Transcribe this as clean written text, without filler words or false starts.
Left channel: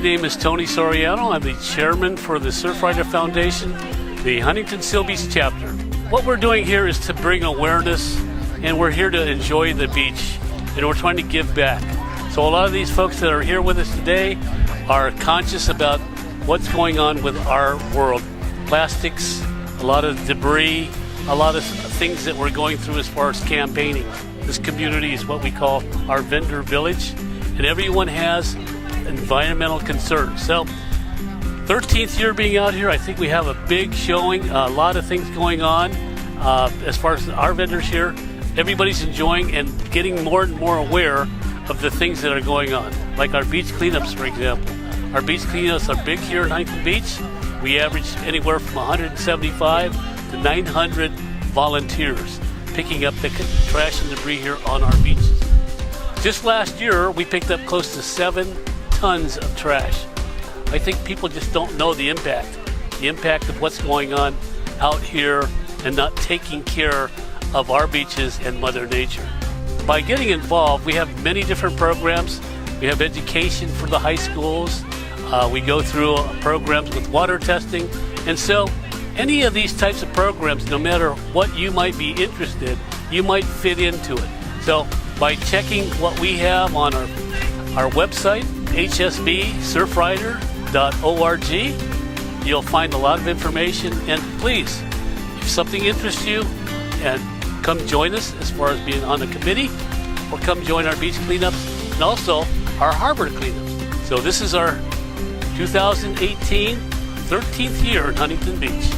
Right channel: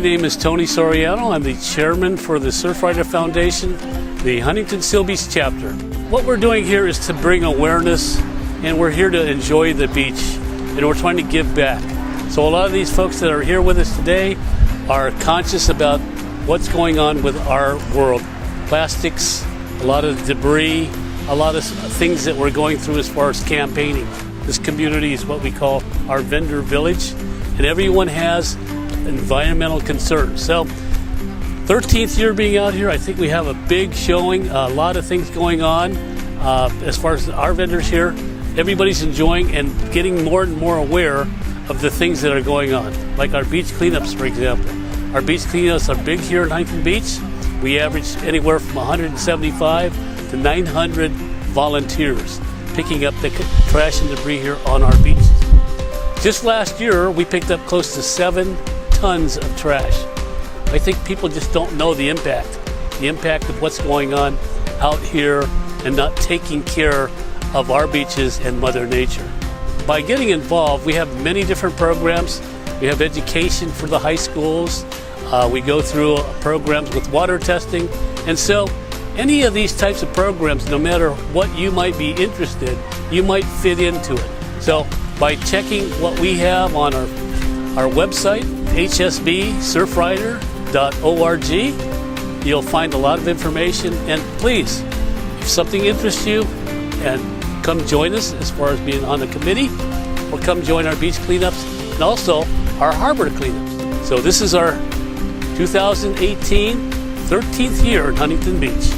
My name is Tony Soriano. I'm the chairman for the Surfrider Foundation, the Huntington Seal Beach chapter. What we're doing here is to bring awareness, and we're here to enjoy the beach, and we're trying to give back. So a lot of these folks that are here with us today are conscious about what's going on with our world. Plastics, a lot of debris, a lot of things that we're going through as far as campaigning. This community is what we call our vendor village, and everyone has environmental concerns. So 13th year being out here, I think we have a big showing, a lot of things going on. As far as our vendors here, everybody's enjoying and getting more and more aware of the things that are going on. Like our beach cleanups, for example. Our beach cleanups are big here in Huntington Beach. We average anywhere from 175 to 900 volunteers picking up the trash and debris here on our beaches. Just last year, we picked up close to 7 tons of trash. I think people just don't know the impact of what's going on out here and not taking care of our beaches and Mother Nature. By getting involved, we have many different programs. We have education for the high schools. We go through programs with water testing. And so any of these types of programs, no matter what you might be interested, you might fit into it. So by checking what we have on our website, hsbsurfrider.org, you'll find a lot of information. And please, if something interests you, and come join us as far as being on the committee, or come join our beach cleanups and also our harbor cleanups. So this is our 2018 13th year in Huntington Beach.